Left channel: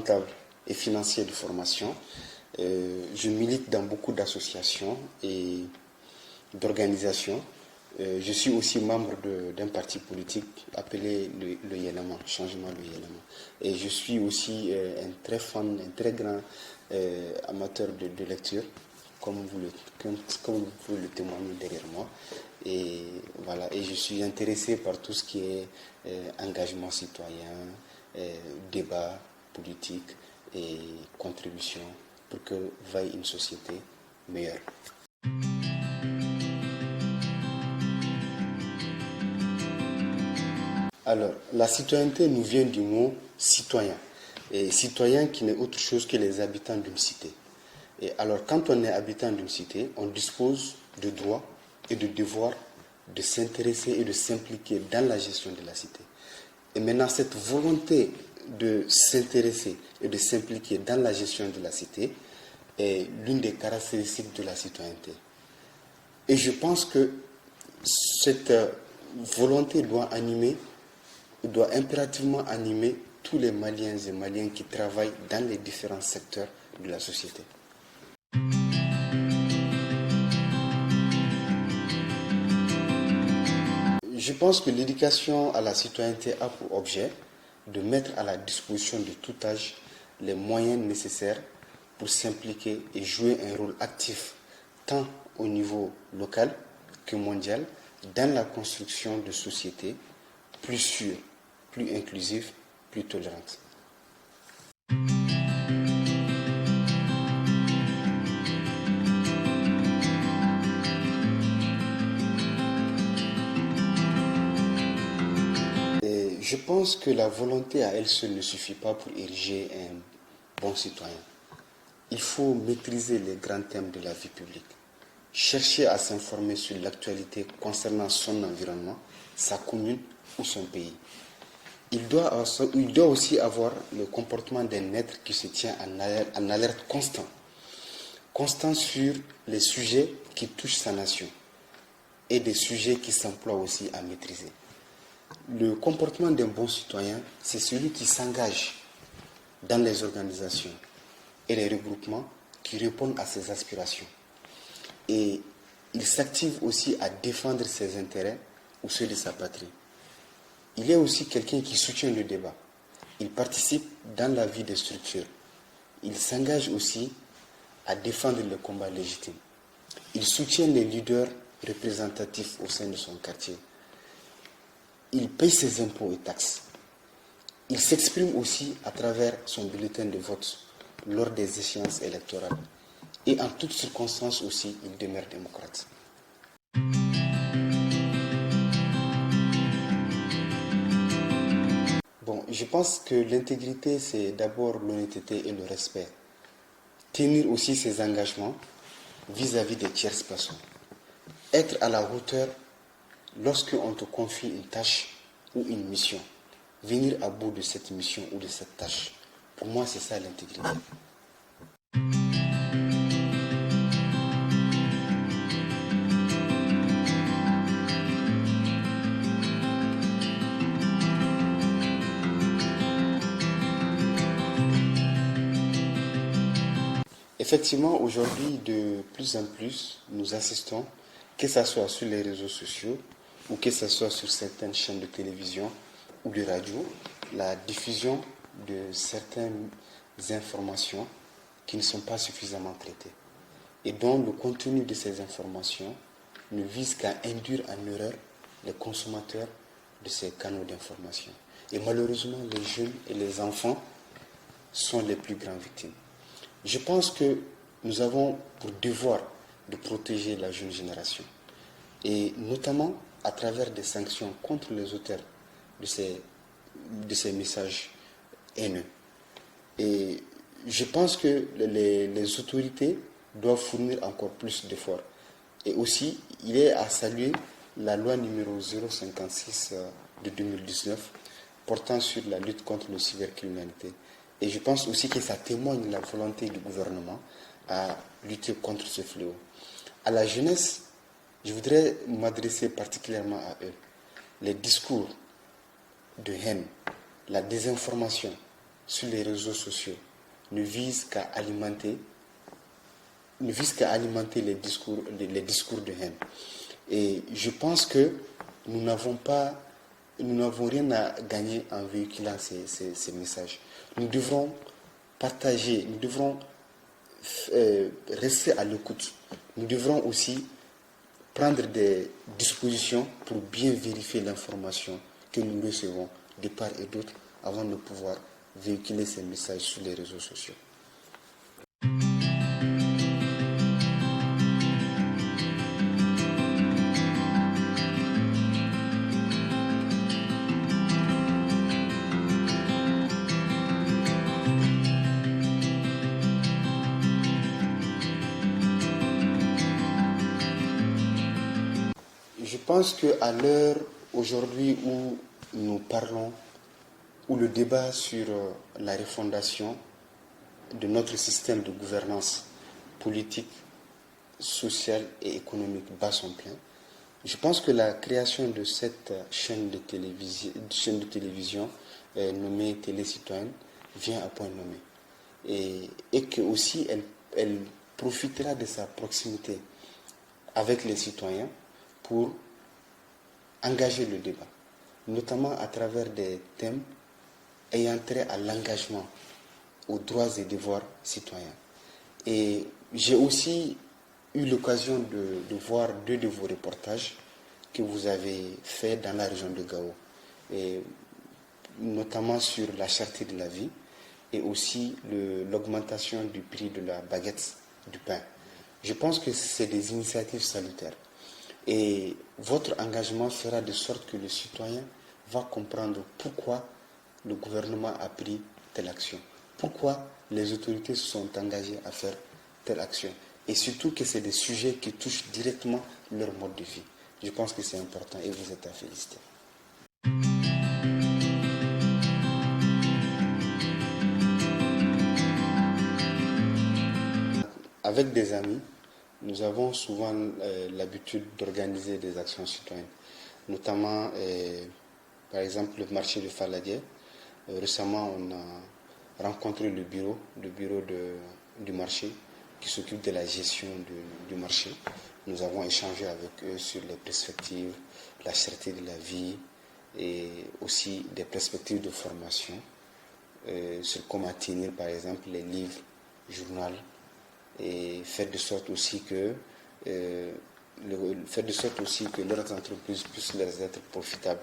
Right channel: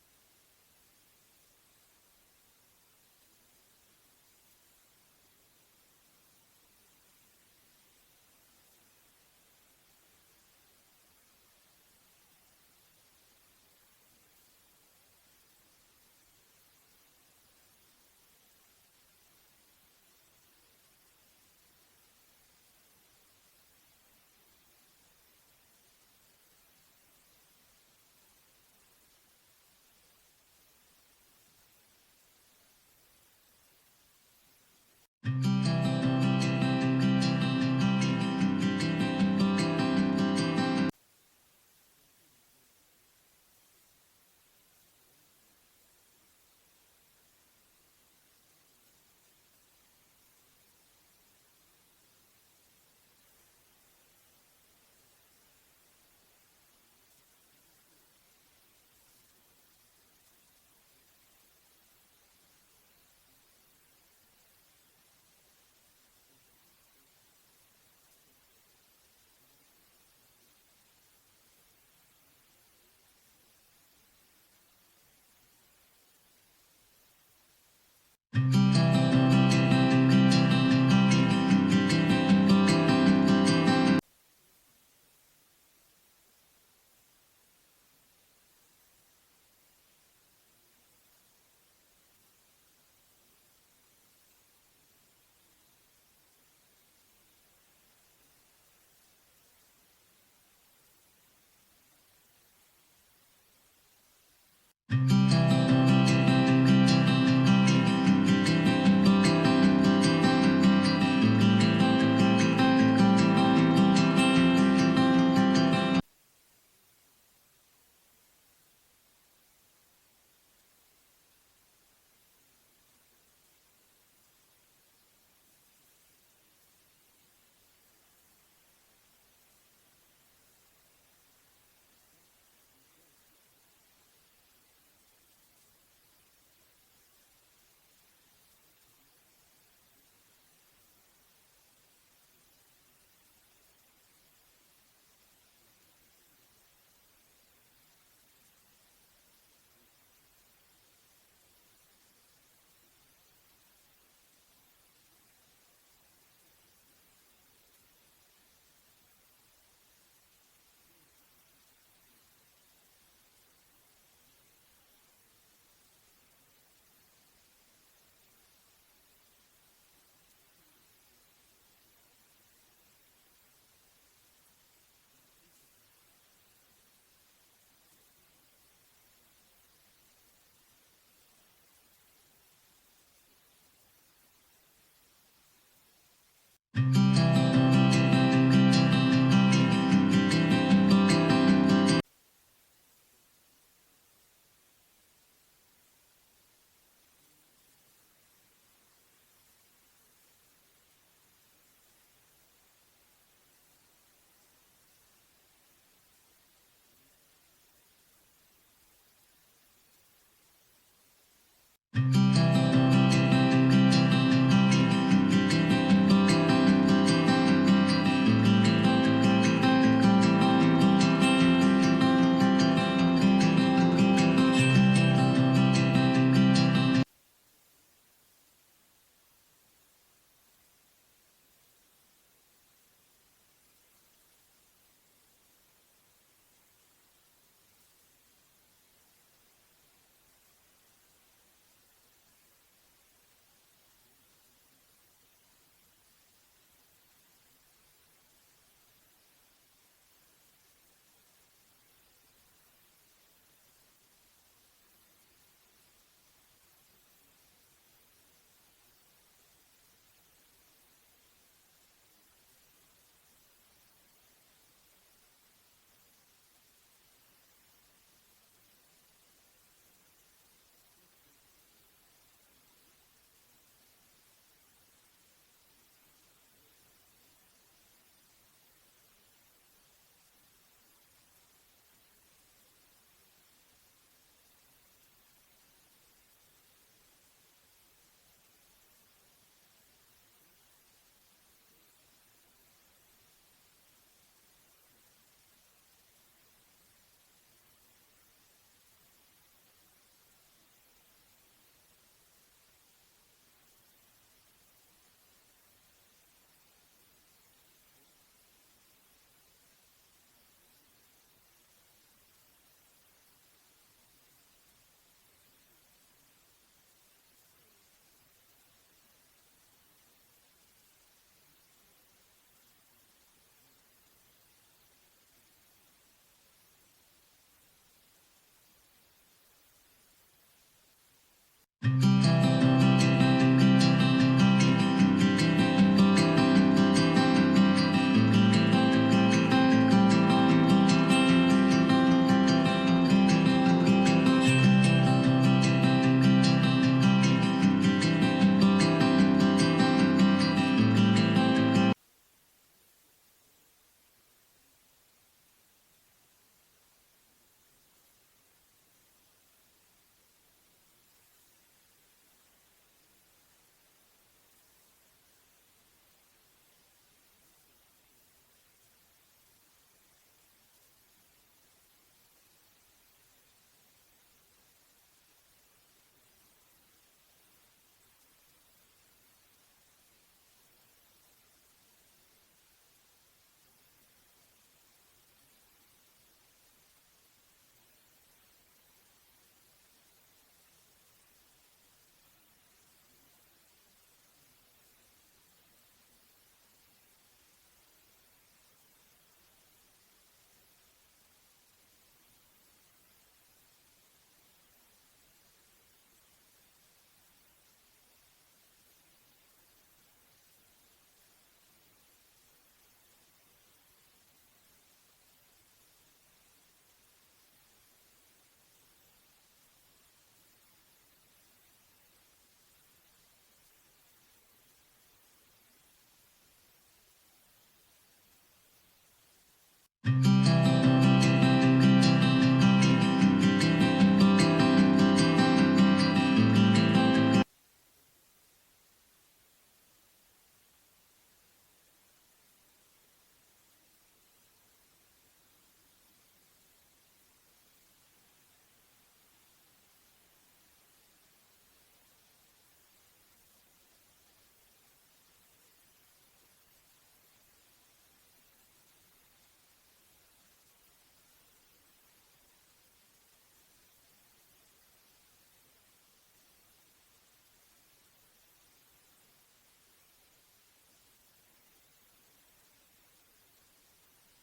comptable et financier de formation. Je milite dans beaucoup d'associations et d'organisations. Je suis aussi membre d'un parti politique appelé le Yénama, Changement le Yénama. Et je suis aussi un très fan, un très grand amateur de lecture, comme vous le témoignez derrière moi. Et voilà, et je suis intéressé par tout ce qui est engagement citoyen, débat politique et contribution pour que vaille une société meilleure. Alors, la citoyenneté nous vient du mot citoyen. Et citoyen qui n'est autre chose que les habitants d'une cité. Et alors, quand on est habitant d'une cité, on dispose de droits et de devoirs de s'intéresser et de s'impliquer dans la gestion de la cité. Et maintenant, cette volonté de s'intéresser et de s'impliquer dans la gestion de la cité est l'une des caractéristiques de la citoyenneté. Et je pense que cette volonté doit impérativement animer tous les Maliens et Maliennes qui travaillent dans les différents secteurs de la société. Je pense que l'éducation à la citoyenneté a pour objet de mettre à la disposition de tout âge les moyens nécessaires pour s'impliquer et jouer un rôle actif tant au niveau local que mondial dans la construction de sociétés plus sûres, plus inclusives, plus tolérantes. Je pense que la volonté à elle seule ne suffit pas pour ériger un bon citoyen. Il faut maîtriser les grands thèmes de la vie publique, chercher à s'informer sur l'actualité concernant son environnement, sa commune ou son pays. Il doit aussi avoir le comportement d'un être qui se tient en alerte constant sur les sujets qui touchent sa nation et des sujets qui s'emploient aussi à maîtriser. Le comportement d'un bon citoyen, c'est celui qui s'engage dans les organisations et les regroupements qui répondent à ses aspirations. Et il s'active aussi à défendre ses intérêts ou ceux de sa patrie. Il est aussi quelqu'un qui soutient le débat. Il participe dans la vie des structures. Il s'engage aussi à défendre le combat légitime. Il soutient les leaders représentatifs au sein de son quartier. Il paye ses impôts et taxes. Il s'exprime aussi à travers son bulletin de vote lors des échéances électorales. Et en toutes circonstances aussi, il demeure démocrate. Bon, je pense que l'intégrité, c'est d'abord l'honnêteté et le respect. Tenir aussi ses engagements vis-à-vis des tierces personnes. Être à la hauteur lorsqu'on te confie une tâche ou une mission. Venir à bout de cette mission ou de cette tâche. Pour moi, c'est ça l'intégrité. Effectivement, aujourd'hui, de plus en plus, nous assistons, que ce soit sur les réseaux sociaux ou que ce soit sur certaines chaînes de télévision ou de radio, la diffusion de certaines informations qui ne sont pas suffisamment traitées et dont le contenu de ces informations ne vise qu'à induire en erreur les consommateurs de ces canaux d'information. Et malheureusement, les jeunes et les enfants sont les plus grandes victimes. Je pense que nous avons pour devoir de protéger la jeune génération et notamment à travers des sanctions contre les auteurs de ces messages haineux. Et je pense que les autorités doivent fournir encore plus d'efforts. Et aussi, il est à saluer la loi numéro 056 de 2019 portant sur la lutte contre la cybercriminalité. Et je pense aussi que ça témoigne de la volonté du gouvernement à lutter contre ce fléau. À la jeunesse, je voudrais m'adresser particulièrement à eux. Les discours de haine, la désinformation sur les réseaux sociaux ne vise qu'à alimenter, les discours de haine. Et je pense que nous n'avons rien à gagner en véhiculant ces messages. Nous devrons partager, nous devrons rester à l'écoute. Nous devrons aussi prendre des dispositions pour bien vérifier l'information que nous recevons de part et d'autre avant de pouvoir véhiculer ces messages sur les réseaux sociaux. Je pense qu'à l'heure aujourd'hui où nous parlons, où le débat sur la refondation de notre système de gouvernance politique, sociale et économique bat son plein, je pense que la création de cette chaîne de télévision nommée Télé Citoyenne vient à point nommé. Et que aussi elle profitera de sa proximité avec les citoyens pour engager le débat, notamment à travers des thèmes ayant trait à l'engagement, aux droits et devoirs citoyens. Et j'ai aussi eu l'occasion de voir 2 de vos reportages que vous avez faits dans la région de Gao, et notamment sur la cherté de la vie et aussi l'augmentation du prix de la baguette du pain. Je pense que c'est des initiatives salutaires. Et votre engagement fera de sorte que le citoyen va comprendre pourquoi le gouvernement a pris telle action, pourquoi les autorités se sont engagées à faire telle action. Et surtout que c'est des sujets qui touchent directement leur mode de vie. Je pense que c'est important et vous êtes à féliciter. Avec des amis, nous avons souvent l'habitude d'organiser des actions citoyennes, notamment, par exemple, le marché de Faladier. Récemment, on a rencontré le bureau du marché qui s'occupe de la gestion du marché. Nous avons échangé avec eux sur les perspectives, la cherté de la vie et aussi des perspectives de formation sur comment tenir, par exemple, les livres, journal, et faire de sorte aussi que leurs entreprises puissent leur être profitables.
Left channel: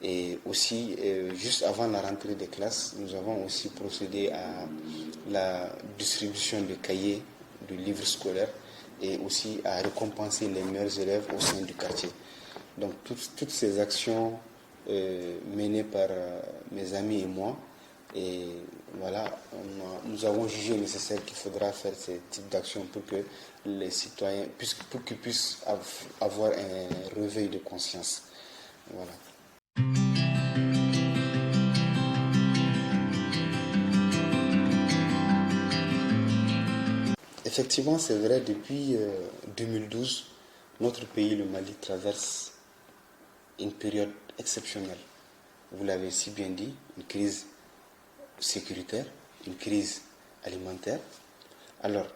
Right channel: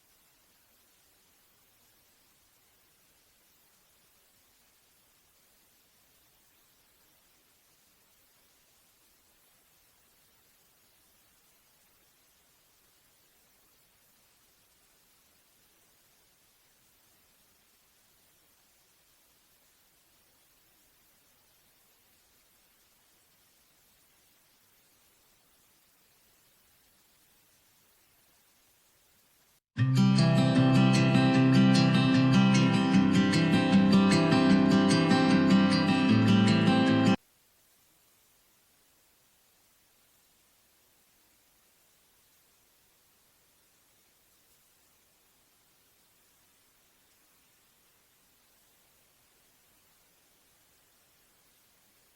Et aussi, juste avant la rentrée des classes, nous avons aussi procédé à la distribution de cahiers, de livres scolaires et aussi à récompenser les meilleurs élèves au sein du quartier. Donc toutes ces actions menées par mes amis et moi, et voilà, nous avons jugé nécessaire qu'il faudra faire ce type d'action pour que les citoyens, pour qu'ils puissent avoir un réveil de conscience. Voilà. Effectivement, c'est vrai, depuis 2012, notre pays, le Mali, traverse une période exceptionnelle. Vous l'avez si bien dit, une crise sécuritaire, une crise alimentaire, alors,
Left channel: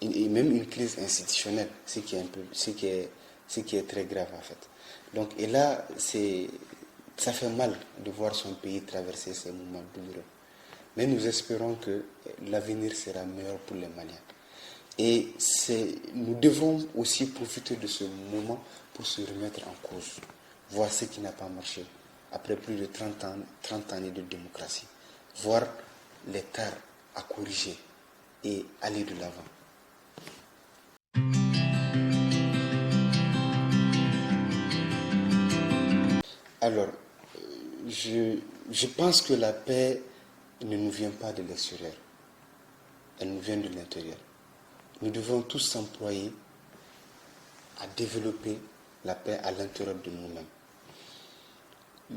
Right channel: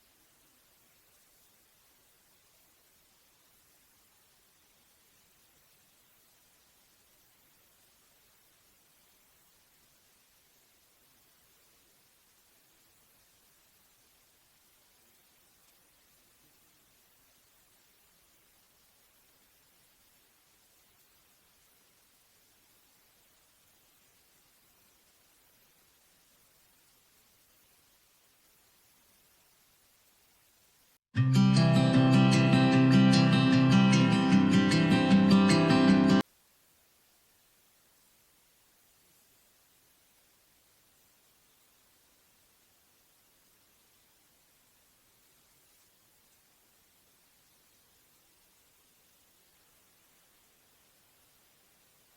et même une crise institutionnelle, ce qui est très grave en fait. Donc, et là, ça fait mal de voir son pays traverser ces moments douloureux. Mais nous espérons que l'avenir sera meilleur pour les Maliens. Et nous devons aussi profiter de ce moment pour se remettre en cause, voir ce qui n'a pas marché après plus de 30 années de démocratie, voir les tares à corriger et aller de l'avant. Alors, je pense que la paix ne nous vient pas de l'extérieur, elle nous vient de l'intérieur. Nous devons tous s'employer à développer la paix à l'intérieur de nous-mêmes.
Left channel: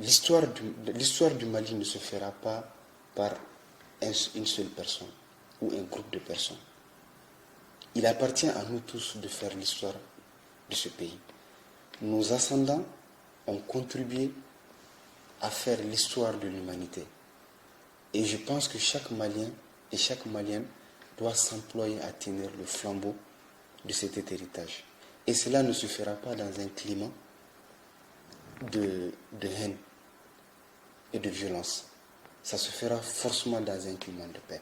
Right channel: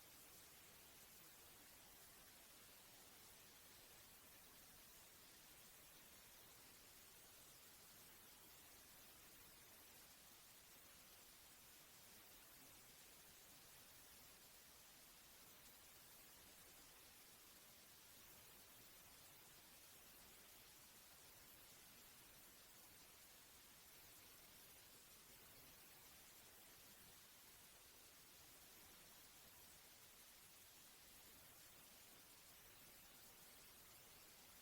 L'histoire du Mali ne se fera pas par une seule personne ou un groupe de personnes. Il appartient à nous tous de faire l'histoire de ce pays. Nos ascendants ont contribué à faire l'histoire de l'humanité. Et je pense que chaque Malien et chaque Malienne doit s'employer à tenir le flambeau de cet héritage. Et cela ne se fera pas dans un climat de haine et de violence. Ça se fera forcément dans un climat de paix.